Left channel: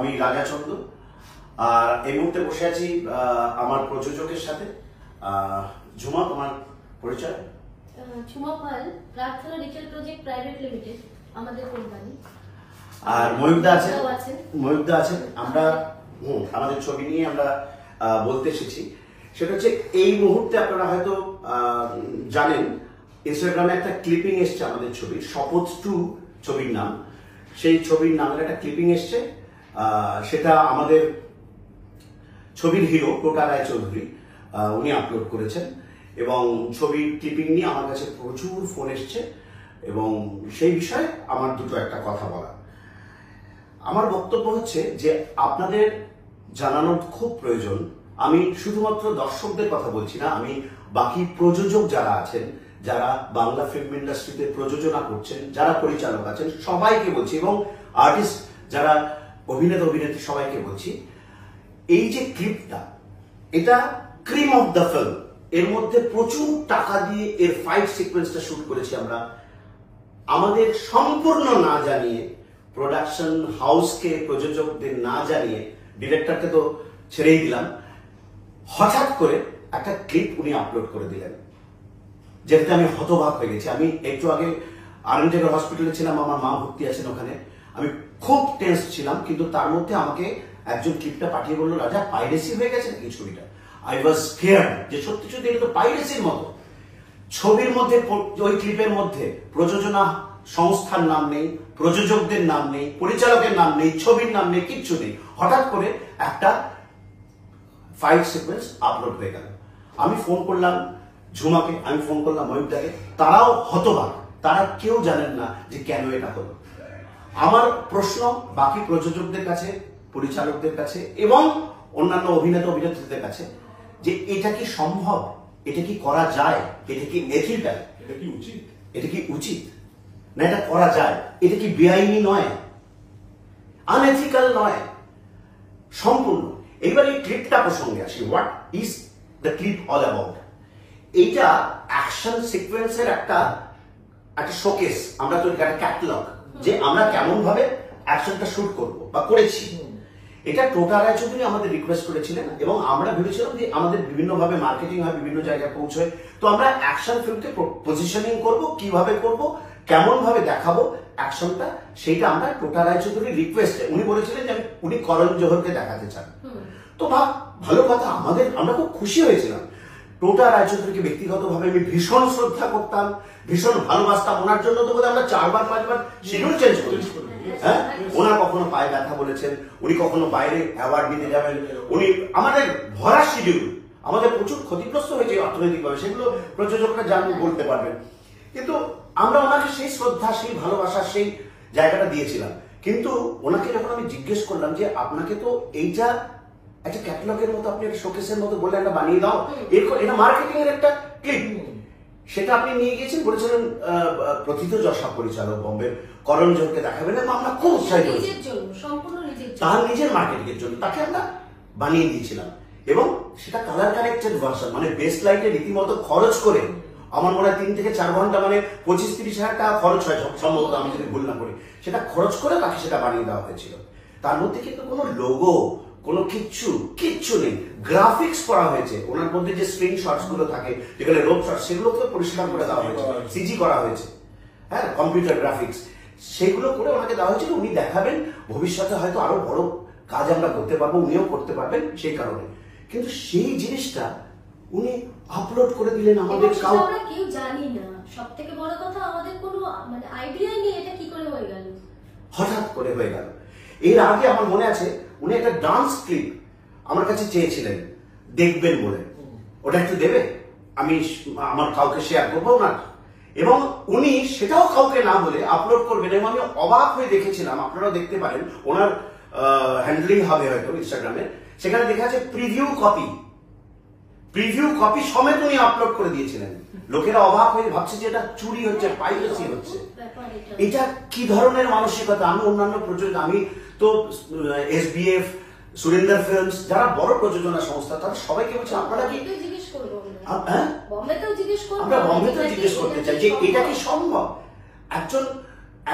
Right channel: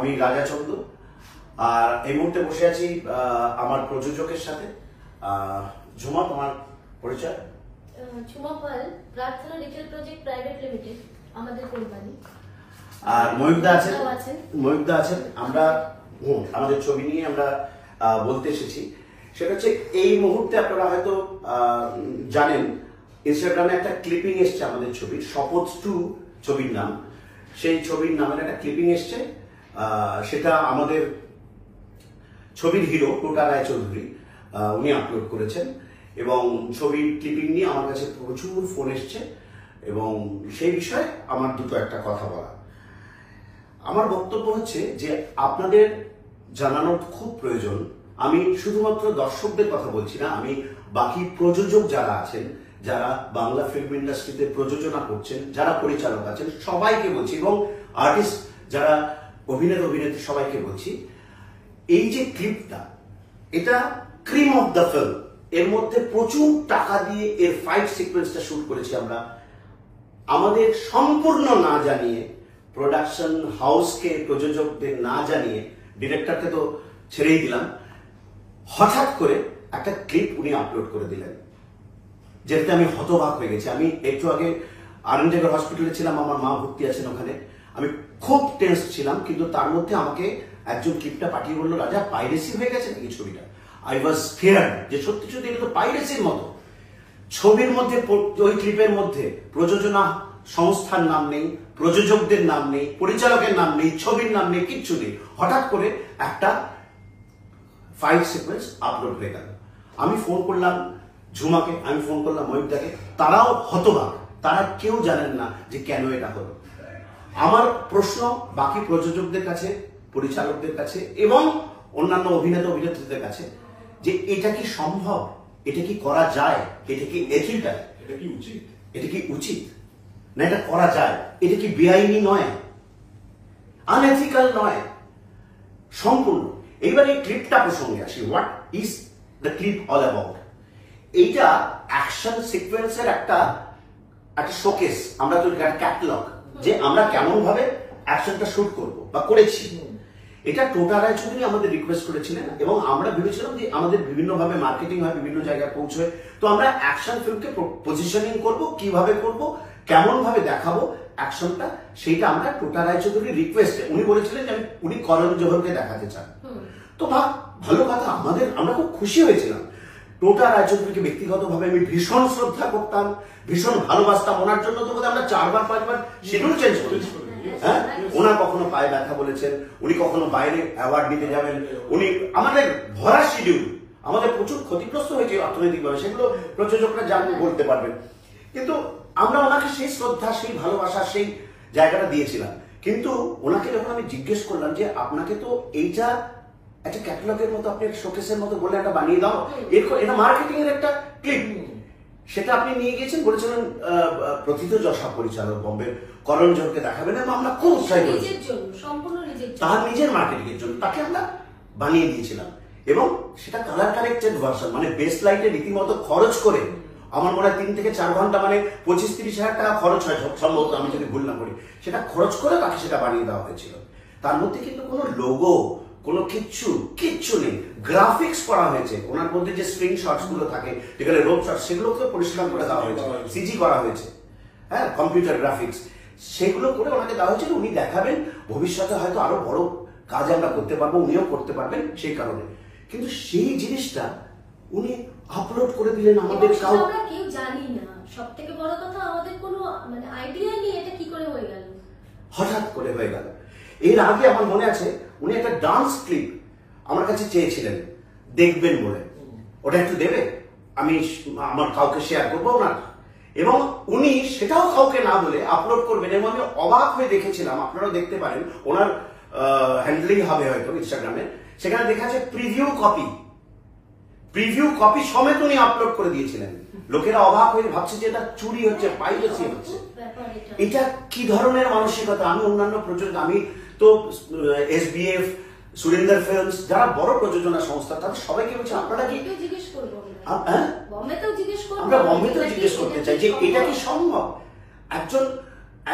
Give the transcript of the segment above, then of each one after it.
আমি রাজা চন্দ্র, আর এই মুহূর্তে বসে আছি আমার প্রযোজকের সাথে। ঝুমা, তোমার পরিচয়? ঝুমা পাল, প্রার্থনা রিটেল প্রজেক্ট প্রাইভেট লিমিটেড আমাদের কোম্পানি। আর ময়ূকদা আছেন। ময়ূকদা আছেন। আমরা আমাদের ছবি নিয়ে আমরা বলতে এসেছি। সেটা হচ্ছে এই মুহূর্তে আপনারা হয়তো জানেন ইনস্টাগ্রামে একটা ক্লিপিং এসছে আমাদের ছবির, শপথ 2 ছবির নাম। সেই ছবির নামের একটা ক্লিপিং এসছে, সেটা আমাদের ছবির হিরো টোটা রায়চৌধুরী উনি আপলোড করেছেন, এবং ছবির ক্লিপিং নিয়ে আমার কাছে প্রচুর ফোন এসছে, এবং সেই বিষয়ে আমার দুটো একটা কথা বলা। আমার বক্তব্য হচ্ছে যে আপনাদের জানানোর খুব প্রয়োজন। আমি শুধুমাত্র দর্শকদের কথা বলছি না, আমি বাকি প্রযোজক যারা আছেন, যারা বাংলা ফিল্ম ইন্ডাস্ট্রিতে প্রযোজনা করছেন, যারা পরিচালক আছেন, সবাইকে বলছি, এবং আর্টিস্ট যারা অভিনেতা অভিনেত্রী সবাইকে বলছি, এই যে ক্লিপটা, এটা ক্রিম অফ দ্য ফিল্ম। এর মধ্যে প্রচুর টাকা দিয়ে এর ফাইট সিকোয়েন্সটা শুট করেছি আমরা, আমাদের সম্পূর্ণ না জানিয়ে, প্রোডাকশন হাউসকে, প্রযোজকদের না জানিয়ে, ডিরেক্টরকে তো ছেড়েই দিলাম, হঠাৎ করে একটা ক্লিপ উনি আপলোড করে দিলেন, যেটাতে আমি হতবাক হয়ে গেছি। আমি একটু আগে আনন্দনগর হসপিটালে ছিলাম, আমার মা ভর্তি আছেন ওখানে। আমি খুব টেন্স ছিলাম, কিন্তু তার মধ্যে আমাকে একজন ক্লিপটা পাঠিয়ে বললো, রাজা পাইরেসি হয়ে গেছে নাকি ছবিটা। আই ওয়াজ স্কেয়ার্ড যে সত্যি সত্যি এটা তো পাইরেসির মতো। ছবির মধ্যে, ওই ক্লিপের মধ্যে প্রযোজনা সংস্থার নাম নেই, প্রযোজকদের নাম নেই, পরিচালকের নাম নেই, ছবির নাম নেই, কিচ্ছু নেই। হঠাৎ করে একটা ফাইট সিকোয়েন্স আপলোড হয়ে গেল। আমি ফোন করলাম ঝুমাকে, আমি ফোন করলাম ময়ূকদাকে, তারাও হতবাক, তারা কেউ জানেন না যে কেন এটা হলো। আমার প্রশ্ন বাকি প্রযোজকদের কাছে, পরিচালকদের কাছে, এবং অন্যান্য অভিনেতা অভিনেত্রীদের কাছে, যে এটা কি সম্ভব, এটা কি করা যায়, এটা কি এথিক্যাল, এটা কি উচিত, এটা কি উচিত না, এটা করা যায়, এটা কি বেআইনি নয়, আনএথিক্যাল নয়, সম্পূর্ণ। এইবার এই ক্লিপটা প্রসঙ্গে আসি। What is the clip all about? এইটা অ্যাকশন সিকোয়েন্সের একটা শোকেস, আমরা তো একটা ক্যাটালগ, যে আমরা কেমন ভাবে অ্যাকশনটা শুট করব বা করেছি। এটা টোটা রায়চৌধুরী আমাদের রিকোয়েস্ট করেছিলেন, এবং আমরা ভেবেছিলাম যে আমাদের বিভিন্ন ভাবে মার্কেটিং হয়, বিভিন্ন জায়গায় পৌঁছয়, তো আমরা অ্যাকশন ফিল্মকে পজিশনিং করব, কিভাবে করব, কেমন ভাবে দেখাবো অ্যাকশনটা, সেইটা আমরা টোটা রায়চৌধুরীর রিকোয়েস্টে, উনি বলেছিলেন যে উনি করণ জোহরকে দেখাতে চান। তো ভালো কথা, আমরা খুব খুশি হয়েছিলাম। টোটা রায়চৌধুরীকে ব্যক্তিগতভাবে আমি ভীষণ শ্রদ্ধা করতাম, ভীষণ ভালোবাসতাম। ওনার জন্য তো আমরা 4বার 5বার শিডিউল চেঞ্জ করেছি। হ্যাঁ, ওনার কখনো পায়ে ব্যথা বলেছেন, উনি কখনো বাইরে অ্যাওয়ার্ড নিতে যাবেন, উনি আমাদের ভরা শিডিউল, আমাদের প্রচুর ক্ষতিগ্রস্ত হয়েছে অর্থনৈতিকভাবে, সেগুলো প্রযোজকরা জানতে বলতে পারবেন। কিন্তু আমরা ওনাকে সেই শ্রদ্ধা, সেই ভালোবাসা, সেই জায়গাটা দিয়েছিলাম। কিন্তু ওনাকে যখন আমি জিজ্ঞেস করলাম যে আপনাকে তো এইটা একটা ক্যাটালগের মতো, আপনি একটা শোকেসের মতো বলে একটা বানিয়ে দাও, এটা মার্কেটিং এর একটা ক্লিপ, সেটা আপনি নিয়ে গিয়েছেন, বলেছিলেন প্রথিতযশা পরিচালক বম্বের করণ জোহরকে দেখাবেন, এবং আমরা খুব উৎসাহিত হয়েছি, তার নিজের মার্কেটিং এর জন্য তাকে আমরা বানিয়ে দিয়েছিলাম। এবং সেটা কালার কানেক্টেড ভার্সন, মানে বেস লাইটে রীতিমতো খরচ করে, আমার মনে হয় 3 থেকে 4 ঘন্টা, মানে 25-30 হাজার টাকা খরচ হয় সম্ভবত, আমি যদি ভুল না করি, সেটা খরচ করে তাকে সেটা বানিয়ে দেওয়া হয়েছিল। তার মধ্যে কিন্তু কোনো লোগো, কোনো কিচ্ছু নেই, গ্রাফিক্স করা হয়েছে। ওনার মধ্যে যে স্ক্রিনশটস গুলো থাকে, যেখানে রোড শট, সেগুলোকে পরিষ্কার করে দেওয়া হয়েছে, সিজি করা হয়েছে, হ্যাঁ, কম্পিউটার গ্রাফিক্স, সেগুলো করে ওনাকে দেওয়া হয়েছে। উনি দেখাবেন, ভবিষ্যতে হয়তো আরো বড় কাজ আমরা করতে পারবো, উনিও করতে পারবেন সেই কারণে। কিন্তু সেই জিনিসটা উনি আপলোড করে দিলেন, আমাদের কেউ জানি না। সবথেকে বড় কথা, আমাদের কোনো মানে আইডিয়াই নেই এটা কি করে হয়ে গেল, হঠাৎ করে হয়ে গেল। এর আগে আমার মনে আছে উনি একটা ডান্স ক্লিপ আমার কাছে চেয়েছিলেন দেখবেন বলে, ওটা একটু দেবে, আমি আমার কাউকে শেয়ার করবো না, এবং উনি সেটাও কাউকে না বলে আপলোড করবেন। এবং আমি অবাক হয়ে দেখেছিলাম, আপনারাও দেখতে পারেন, ওনার হ্যান্ডলিং হবে হয়তো ইনস্টাগ্রামে, সেখানে দেখা যাচ্ছে প্রিভিউ কপি সমেত উনি আপলোড করে দিয়েছিলেন। লোকেরা অবাক হয়ে ভাবছে যে এটা চুরি হচ্ছে, পাইরেসি হচ্ছে। এটা কি ধরনের মানসিকতা? আমি অন্যান্য প্রযোজক, আমি তো SBF, সুরেন্দ্র ফিল্মস, যারা বড় প্রযোজনা সংস্থা, তাদের সবাইকে বলছি আপনারা কি, আমরা বম্বেতেও জিজ্ঞেস করতে চাই যে এটা কি সম্ভব?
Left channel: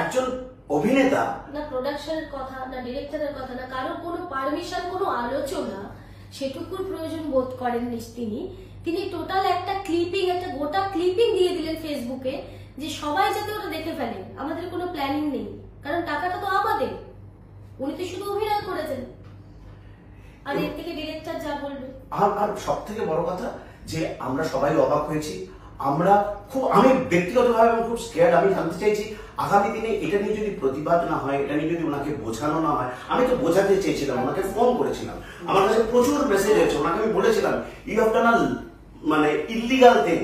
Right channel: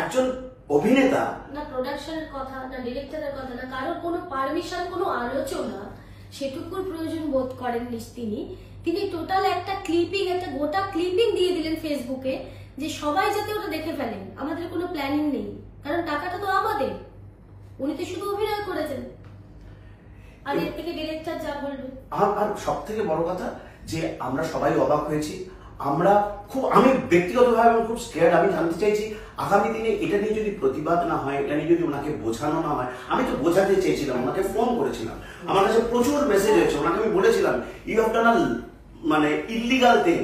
একজন অভিনেতা না প্রোডাকশনের কথা, না ডিরেক্টরের কথা, না কারোর কোনো পারমিশন, কোনো আলোচনা সেটুকুর প্রয়োজন বোধ করেননি তিনি। তিনি টোটাল একটা ক্লিপিং, একটা গোটা ক্লিপিং দিয়ে দিলেন ফেসবুকে, যে সবাই যাতে ওটা দেখে ফেলেন। আমাদের কোনো প্ল্যানিং নেই, কারণ টাকাটা তো আমাদের, উনি তো শুধু অভিনয় করেছেন। আর এর থেকে ডিরেক্টর যা বললো। আর সব থেকে বড় কথা যে আমরা সবাই অবাক হয়েছি। আমি ব্যক্তিগতভাবে খুব স্কেয়ার্ড। আমি জানতে চাইছি আগামী দিনে এটা নিয়ে যদি প্রতিবাদ না হয়, এটা নিয়ে যদি ওনাকে বোঝানো না হয়। আমি তো বোঝাতে চেয়েছিলাম, ওনাকে ফোন করেছিলাম, আমার কাছে প্রচুর মেসেজ হয়েছে। ওনাকে আমি বলেছিলাম ইউ হ্যাভ ডান মানে ইলিগাল থিং,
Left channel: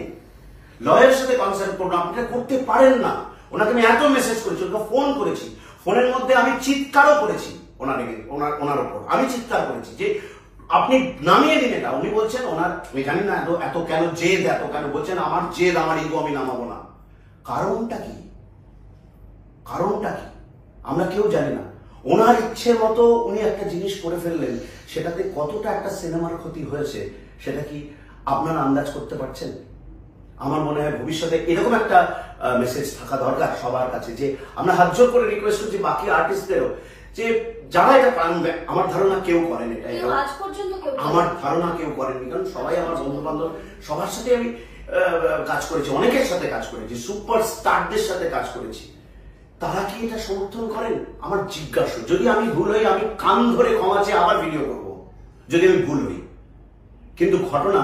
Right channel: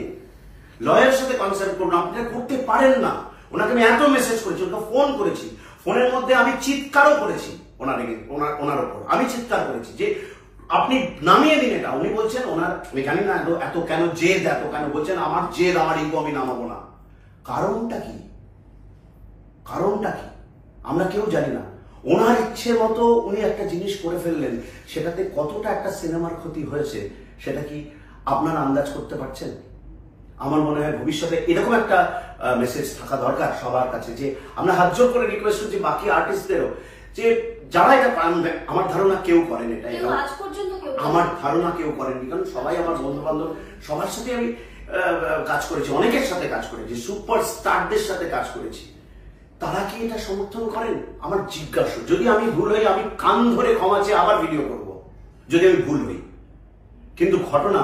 লয়ারের সাথে কনসাল্ট করুন, আপনি করতে পারেন না। ওনাকে আমি এত মেসেজ করেছি, ওনাকে ফোন করেছি, ফোনের মধ্যে আমি চিৎকারও করেছি ওনার ওপর। আমি চিৎকার করেছি যে আপনি নামিয়ে দিন এটা। উনি বলছেন ওনার, আমি জানি না এত কেন জেদ, এত কেন বলছেন আমার জেদ, আমার ইগো, আমি নামাবো না। কারণটা কি? আমরা কেউ জানি না। ওনার ইচ্ছে মতো উনি একটা জিনিস করে ফেললেন, সেটাতে কতটা একটা সিনেমার ক্ষতি হয়েছে সেটা কি আপনারা আন্দাজ করতে পারছেন? আমার মনে হয় ভবিষ্যতে এরকম একটা মেসেজ থাকা দরকার সবার কাছে, যে আমরা হাত জোর করে রিকোয়েস্ট করছি বাকি আর্টিস্টদেরও, যে যারা এটা আমার ধারণা কেউ করেন এটা, আমার ধারণা কেউ করেননি, কারণ সবাই আমার বন্ধু বান্ধব, সবার সাথে আমি কাজ করেছি, অনেকের সাথে কাজ করেছি, সুপার স্টারদের সাথে কাজ করেছি। তারা কি এটা সমর্থন করেন? আমার জিজ্ঞাসা। যদি আমি ভুল হই, আমি কান ধরে ক্ষমা চেয়ে আবার ভিডিও করব, যদি আমি ভুল হই। কিন্তু ঘটনা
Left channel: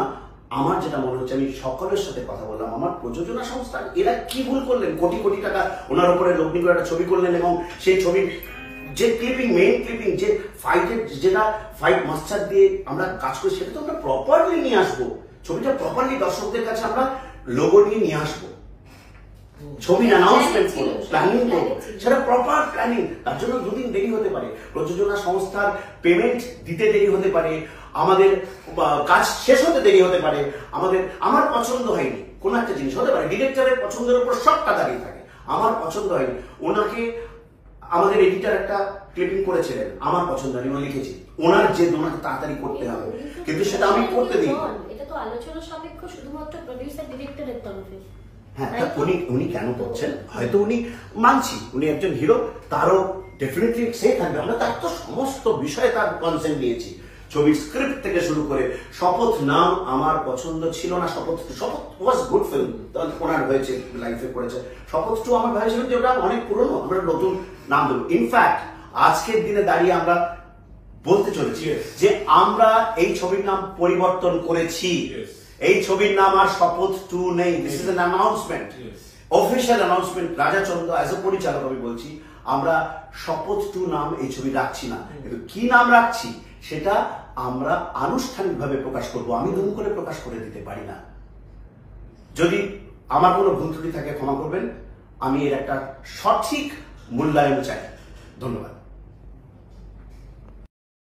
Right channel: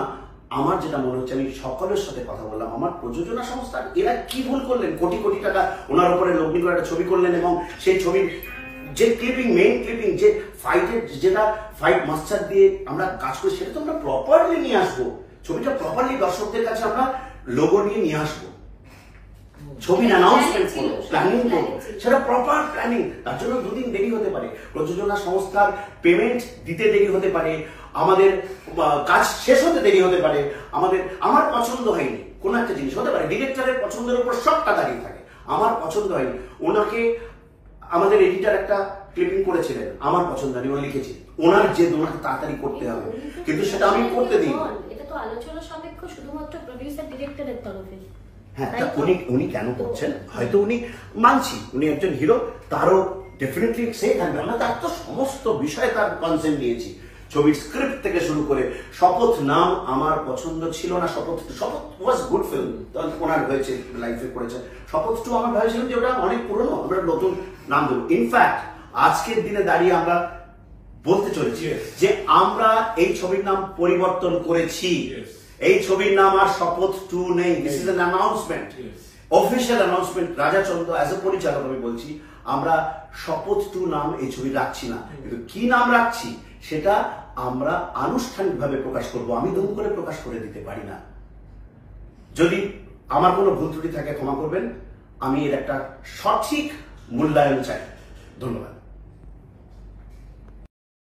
আমার যেটা মনে হচ্ছে, আমি সকলের সাথে কথা বললাম, আমার প্রযোজনা সংস্থা এরা কি ভুল করলেন? কোটি কোটি টাকা ওনার উপরে লগ্নি করে একটা ছবি করলেন, এবং সেই ছবির যে ক্লিপিং, মেইন ক্লিপিং, যে ফাইটের, যেটা ফাইট মাস্টার দিয়ে আমরা কাজ করি, সেটা তো আমরা প্রপারলি নিয়ে আসবো। ছবিটা প্রপারলি দর্শকদের কাছে আমরা লোগো নিয়ে আসবো, ছবির অ্যানাউন্সমেন্ট করবো, প্ল্যানিং করবো, সেটা প্রপার প্ল্যানিং। তার জন্য দুদিন দেরি হতে পারে, প্রযোজনা সংস্থার পেমেন্ট দিতে দেরি হতে পারে, আমাদের কাজ শেষ হতে দেরি হতে পারে, আমার পছন্দ হয়নি কোন একটা জিনিস হতে পারে, ডিরেক্টরের পছন্দের উপর সবটা দাঁড়িয়ে থাকে। আমার পছন্দ হয়নি, ওনাকে আমাদের এডিটর একটা ক্লিপিং করেছিলেন, আমার পছন্দ হয়নি, উনি লিখেছি, ওনার যে ওনাকে তাড়াতাড়ি করতে হবে, কিন্তু সেটা আমি করতে দিই। এটা তো আলোচনা সাপেক্ষ শুধুমাত্র প্রোডিউসার ডিরেক্টরের তরফে। হ্যাঁ, উনি কেন করছেন? হয়তো উনি, মানছি উনি একজন হিরো, তারও ডেফিনেটলি সে থাকবে, আমরা তার তো সমস্ত বিষয়ে তার কনসেন্ট দিয়েছি। ছবির স্ক্রিপ্ট থেকে শুরু করে শপথ নাম আমার পছন্দ ছিল না। শপথ ওয়াজ গুড ফিল্ম, ওনার হয়েছে, লাইফে করেছে। শপথ 2 আমরা ভেবেছিলাম যে ওটা অনেক পুরনো, আমরা নতুন নাম দেবো। ইনফ্যাক্ট আজকের দিনে দাঁড়িয়ে আমরা বলতে চলেছি যে আমরা এই ছবির নাম পরিবর্তন করেছি। এই ছবির নাম আর শপথ 2 নেই। This is an announcement, official announcement. রাজা চন্দ্র অ্যাজ এ পরিচালক আমি বলছি, আমরা শপথ 2 নাম এই ছবি রাখছি না, কিন্তু কি নাম রাখছি সেটা আমরা আনুষ্ঠানিকভাবে প্রকাশ করব। আমি দুম করে প্রকাশ করে দিতে পারি না। যদি আমার কোনো ভুল ত্রুটি থাকে ক্ষমা করবেন, আমি এর একটা সঠিক মূল্যায়ন চাই। ধন্যবাদ।